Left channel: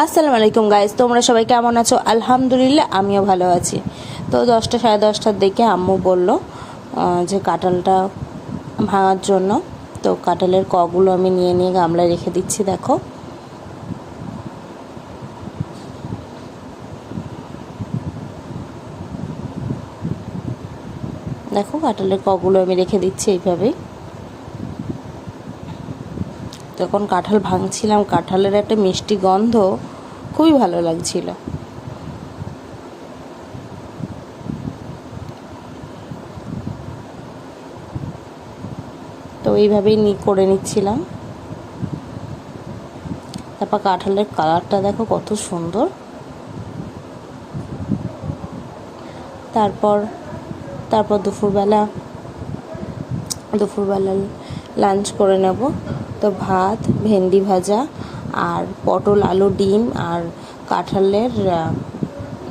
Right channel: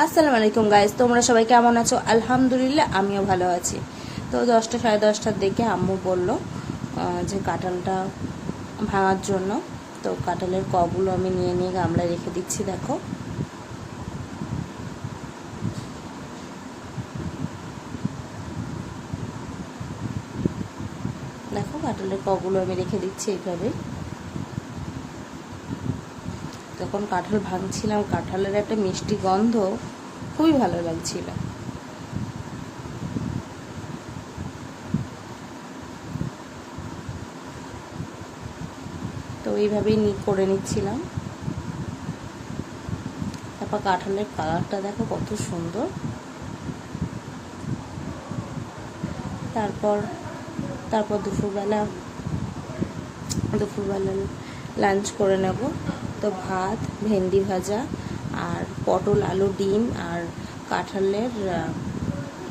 আসসালামু আলাইকুম গাইস, তোমরা সবাই কেমন আছো? আলহামদুলিল্লাহ আমিও ভালো আছি। তো 10টা সাড়ে 10টার দিকে আম্মু বলল যে কাঁঠালটা ভাঙার জন্য। তো কাঁঠালের কগুলো আমি নিয়ে নিয়ে গামলায় রেখে দিচ্ছি। দেখো দেখো কাঁঠালের কগুলো আমি রেখে দিচ্ছি এইভাবেই। তখন কাঁঠাল ভাঙছিলাম, কাঁঠালের একটা মিষ্টি গন্ধ খুবই ভালো লাগছিল। তো এইভাবেই করে নিচ্ছিলাম। তারপর কাঁঠালের কালারটা দেখো কত সুন্দর। তারপর তারপর দুপুরবেলা লাঞ্চ করে নেব। তো ভাত, ভেন্ডি ভাজা আর পটল আলু ডিম আর কাঁঠালের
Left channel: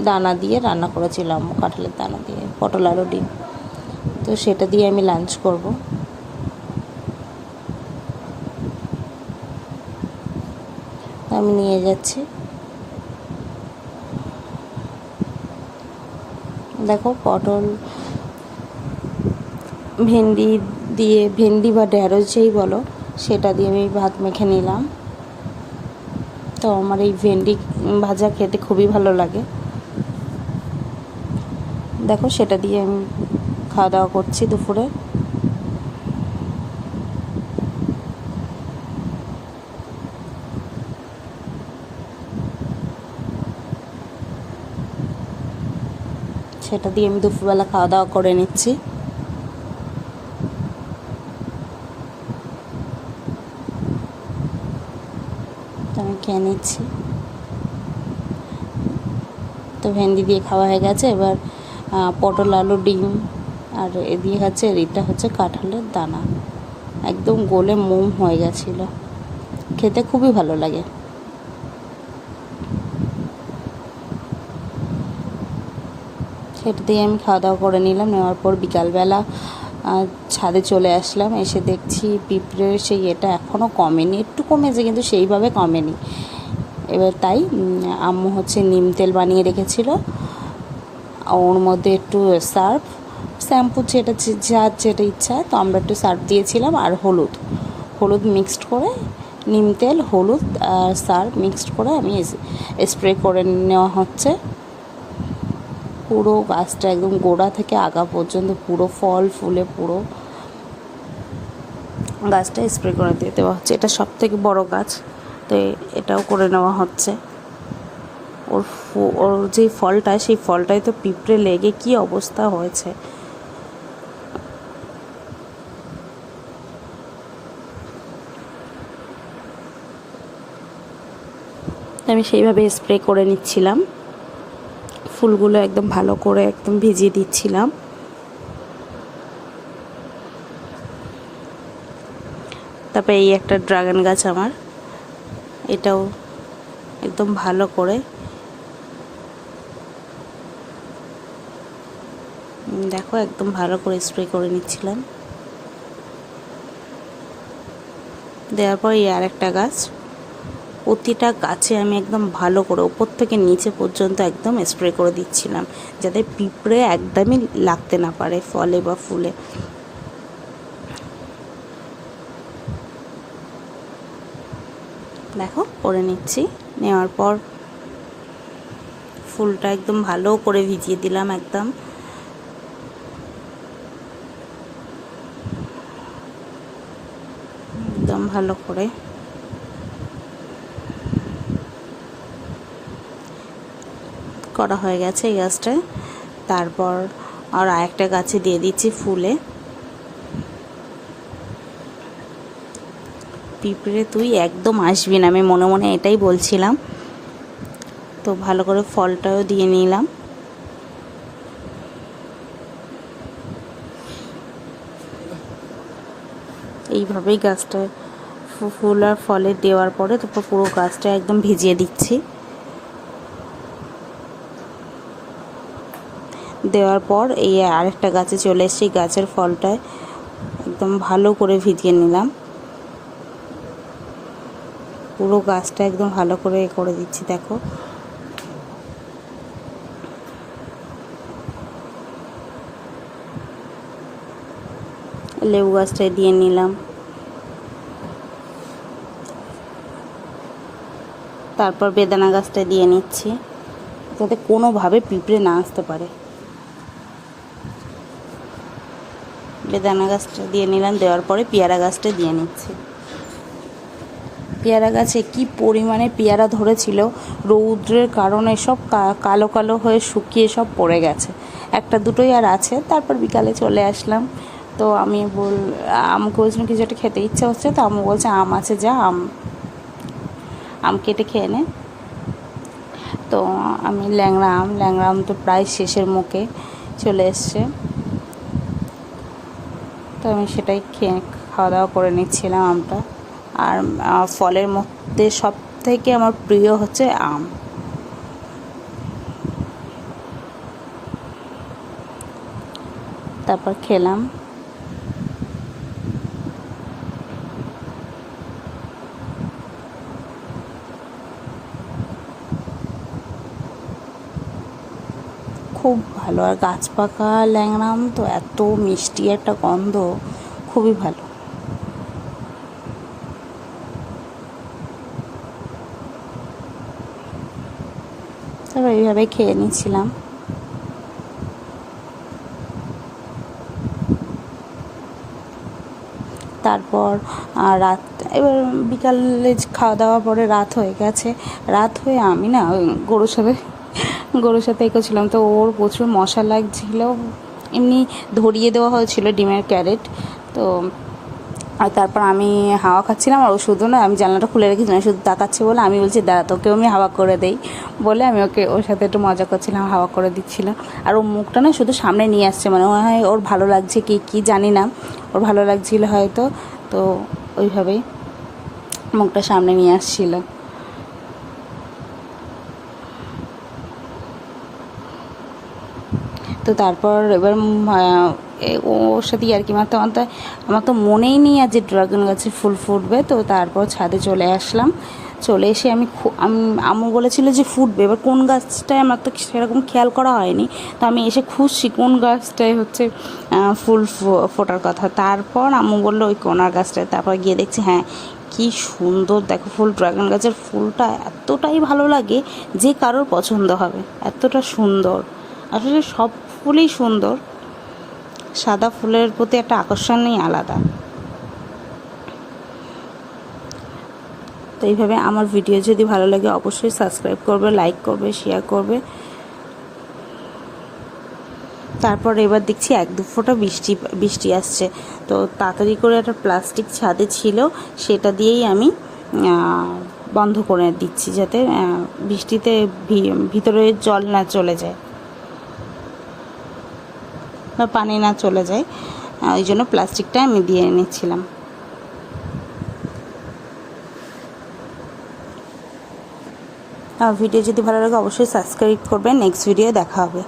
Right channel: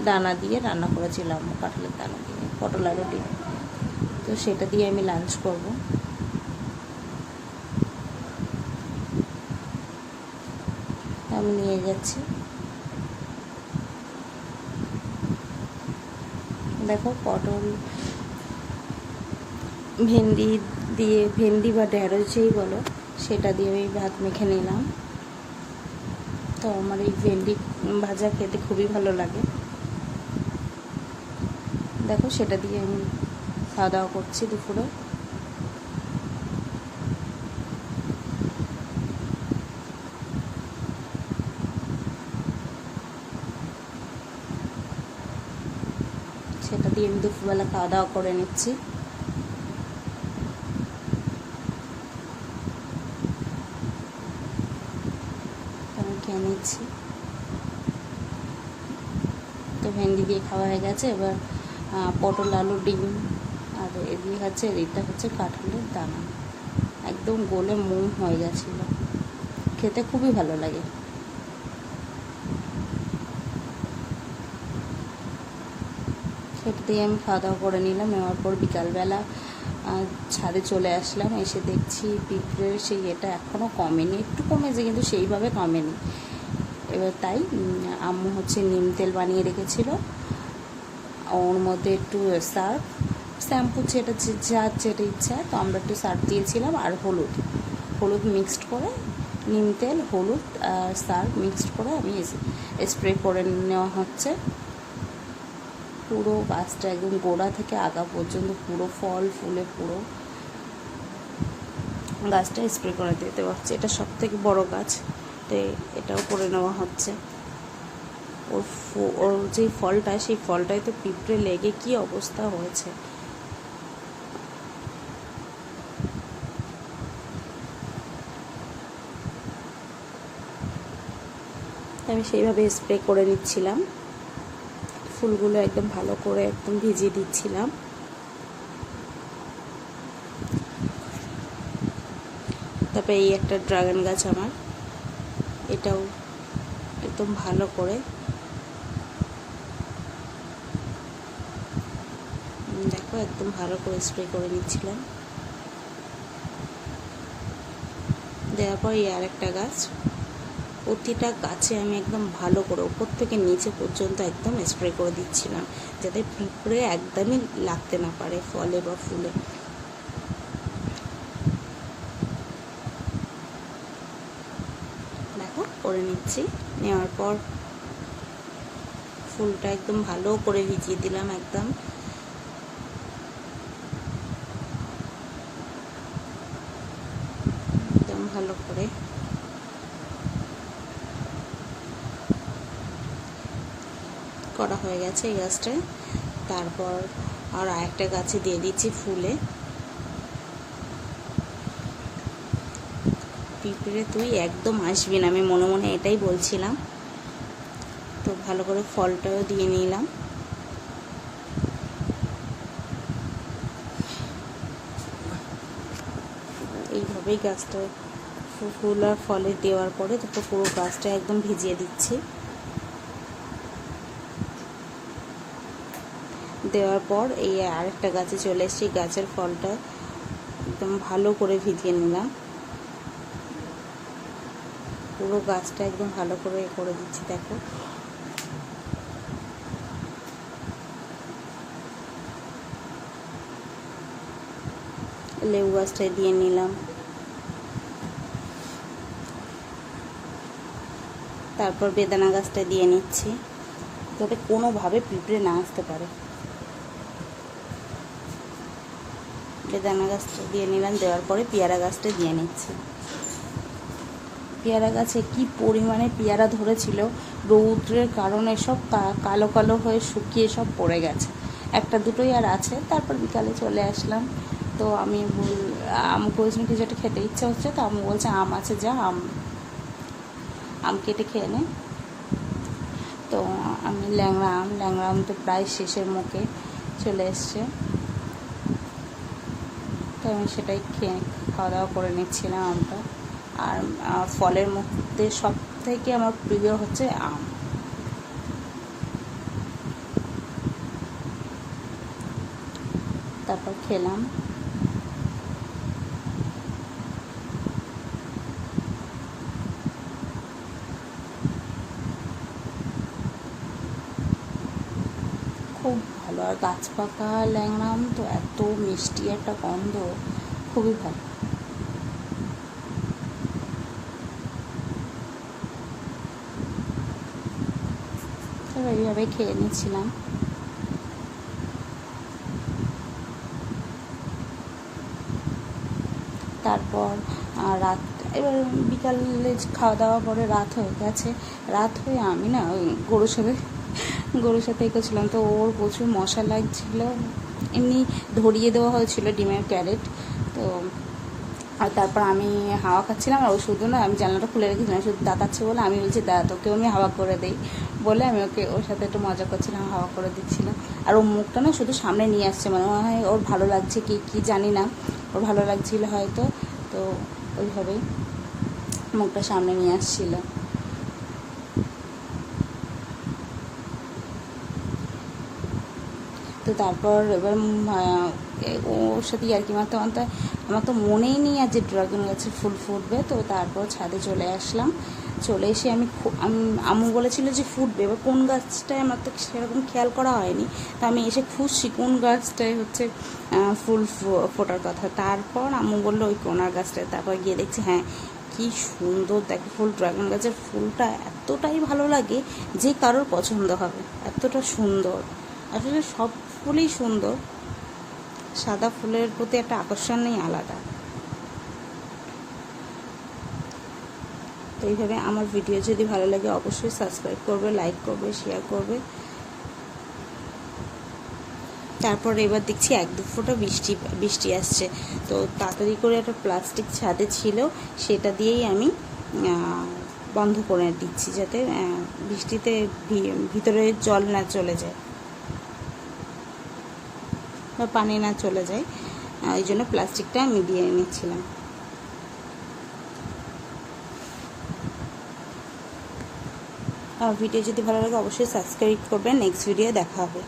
দানা দিয়ে রান্না করেছিলাম। কাঁঠালের দানা দিয়ে পটল আলু ডিম, তো সেটা দিয়ে আমি লাঞ্চ করব। আমি নিয়ে যাচ্ছি। দেখো পটল ভেন্ডি বা ঢেঁড়স যেই বলো, সেটা দিয়ে আমি ভাত মেখে নিলাম। তো আমার এই ভেন্ডি ভাজা খেতে খুবই ভালো লাগে। দেখো সেটা দিয়ে আমি খাওয়া দাওয়া করছি দুপুরে। সেটা দিয়ে আমি দুপুরবেলা খাওয়া দাওয়া করে নিচ্ছি। আমি খেয়ে নিচ্ছি। তো ভেন্ডি দিয়ে খাওয়া হয়ে গেছে। এবার পটল আলু ডিম আর এ দিয়ে খাচ্ছে। এটা হচ্ছে কাঁঠালের দানা, একদম গলে মোম হয়ে গেছিলো, খেতে খুবই ভালো লাগে। সেটা দিয়ে আমি খাওয়া দাওয়া করে নিলাম। নেওয়ার পর বিকালবেলা ছাদে চলে আসলাম। এসে দেখছি পিঁপড়ের সেই এটা এখনও কমেনি, একটু কমেছে কিন্তু সেইভাবে কমেনি। এবার তাই আম্মু হচ্ছে নিম তেল বানিয়ে রেখেছিল, ওর মধ্যে একটু সার্ফ শ্যাম্পু যার যেটা ইচ্ছা, তো আমরা একটু সার্ফ দিয়েছিলাম আর হলুদ মিক্সড করে, নিম তেল হলুদ আর সার্ফ মিক্সড করে আমি স্প্রে করে নেওয়া হচ্ছে। পুরো গাছটা একদম গোড়া থেকে আগা পর্যন্ত পুরো ফল ফুলে পুরো গাছটা স্প্রে করে দিয়ে দেওয়া হচ্ছে। এটা সব থেকে বড় গাছ, তো এটাও করে নেওয়া হচ্ছে। ওর যে ফলটা, সেই ফলটায় তো পিঁপড়ে লেগে কি অবস্থা হয়েছে। আমি সেইভাবে স্প্রে করে নিচ্ছিলাম, ফুলগুলো একদম ভালো করে একদম ভিজিয়ে দিচ্ছিলাম। তারপরে এই একটা ড্রাগন গাছ আমার, এটাও একদম ভালো করে দেখো একদম ভালো করে স্প্রে করে নিচ্ছিলাম। দেওয়ার পর এই আর একটা গাছ, প্রতিটা গাছে আমি একদম ভালো করে উপর থেকে নিচে পর্যন্ত একদম স্প্রে করে দিচ্ছিলাম, যাতে পিঁপড়ে একদমই লাগতে না পারে ফলে বা ফুলে। দেখো করে নিচ্ছি। নেওয়ার পর ফুলটা একদম ভালো করে ভিজিয়ে দিলাম, একদম ভালো করে। করা হয়ে গেছে এই গাছটায়। তারপর আর আরেকটা গাছে দিয়ে দিচ্ছি ফুলে। পিঁপড়ে তুই একদম আসবি না, আমি মনে মনে এটাই বলছিলাম। তো ভালো করে ফলটাও দিয়ে নিলাম। এইভাবেই গাছটা ফুল আর ফলে দেওয়ার পরে তারপর পুরো গাছটা একদম ভিজিয়ে দিচ্ছি। দেওয়ার পর এই আরেকটা গাছে চলে এসেছি, গাছের ফলটায় একদম ভালো করে ভিজিয়ে নিলাম। পুরো গাছটা একদম ভালো করে করে দিচ্ছি। দেখো লেবু গাছটায় দিয়ে নিলাম। তারপর বেদানা গাছটা দিয়ে নিচ্ছি যাতে কোনোভাবে পিঁপড়ে না আসতে পারে। বেদানা গাছটা দিয়ে নিলাম, দেওয়ার পরে পেয়ারা গাছটা দিয়ে নিচ্ছি। পেয়ারা গাছে কি পরিমাণে পেয়ারা ধরেছিল, রৌদ্রের কারণে সব কালো কালো হয়ে শুকিয়ে সব পড়ে গেছে, একটা দুটোই আর আছে। তারপর বিকালে চলে আসলাম, তো আমি আমাকে বলছিলাম কিছু একটা খেতে ইচ্ছা হচ্ছে, তো আমি বলছে আম আছে, যা আম কেটে খেয়ে নে। তো আমি ল্যাংড়া আম তো প্রায় শেষের মুখে চলে এসছে, তো আমি সেটাই খাওয়া দাওয়া করে নিচ্ছিলাম আমটা। আর ফলের মধ্যে সব থেকে আমার প্রিয় হচ্ছে আম। তারপর খেলাম। খুব ভালো, আর গাছ পাকা ল্যাংড়া আম তো এত মিষ্টি একটা গন্ধ, খুবই ভালো। তারপর এইভাবে খেয়ে নিচ্ছিলাম। তারপর রাত, এবার বিকালে খাওয়া দাওয়া পরে রাত হয়ে গেছে। রাত হয়ে আমি না ওই গরুর সাথে এগোছিলাম, তো ওর প্রচুর মশা লাগছিল। এমনি ধরিয়ে দেওয়া হয়েছিল ডিমের ক্যারেট, তো আর তারপর আমি হাওয়া খাচ্ছিলাম, আর ও শুধু না, আমি জানলাটা খুলে রেখেছিলাম, শুধু তাকাচ্ছে বলে আমি বলছি দাঁড়া তোকেও আমি হাওয়া করে দেই বলে আমি ওর সাথে একটু মজা করছিলাম, হাওয়া করে দিচ্ছিলাম। আর ও মুখটা না শুধু সামনে নিয়ে আসছে, মানে মনে হয় ওর ভালো লাগছে কি জানি না, ওর ভালো লাগছিল হয়তো, তো ওইভাবেই মুখটা সামনে নিয়ে আসছিল। তো তারপর এবার ওর সাথে ইয়ার্কি মারতে মারতে আমার তো মনেই নেই আর যে ড্রাগন গাছে ফুল ফুটবে। তো তারপর ছাদে চলে আসলাম, চলে এসে আমি আম্মু বলেছিল যে ফুটবে, এবার কোন গাছটায় আমার তো সেরকম খেয়াল করা হয়নি, তো আমি এসে খুঁজছি কোন গাছটায় হচ্ছে ফুল ফোটার কথা। তারপর আম্মু বললো ওই কোনার গাছটায়, তারপর গিয়ে দেখছি হ্যাঁ কি সুন্দর দেখো ফুল, ড্রাগন গাছের ফুলটা এতটাই ভালো লাগে যে কারোর পছন্দ হবে, এতটা সুন্দর। আসলে সব ফুলই সুন্দর, সাদা ফুলের প্রতি একটা আকর্ষণই আলাদা। তো এইভাবে আমার ভিডিও যদি ভালো লাগে অবশ্যই সাবস্ক্রাইব করবে, লাইক করবে, শেয়ার করবে। তারপর এবার দেখছি 1-2 ফোঁটা বৃষ্টি আসছে, তো তাড়াতাড়ি করে একটা প্লাস্টিক ছাদে ছিল, সেটা দিয়েই আমি বন্ধ করে দিচ্ছি যাতে বৃষ্টিতে ভিতরে জল না চলে যায় বা পানি না চলে যায়, ওই জন্য প্লাস্টিকটা আমি দিয়ে নিচ্ছিলাম। ভিডিও যদি ভালো লাগে অবশ্যই সাবস্ক্রাইব করবেন। নেক্সট ভিডিও দেখা হবে।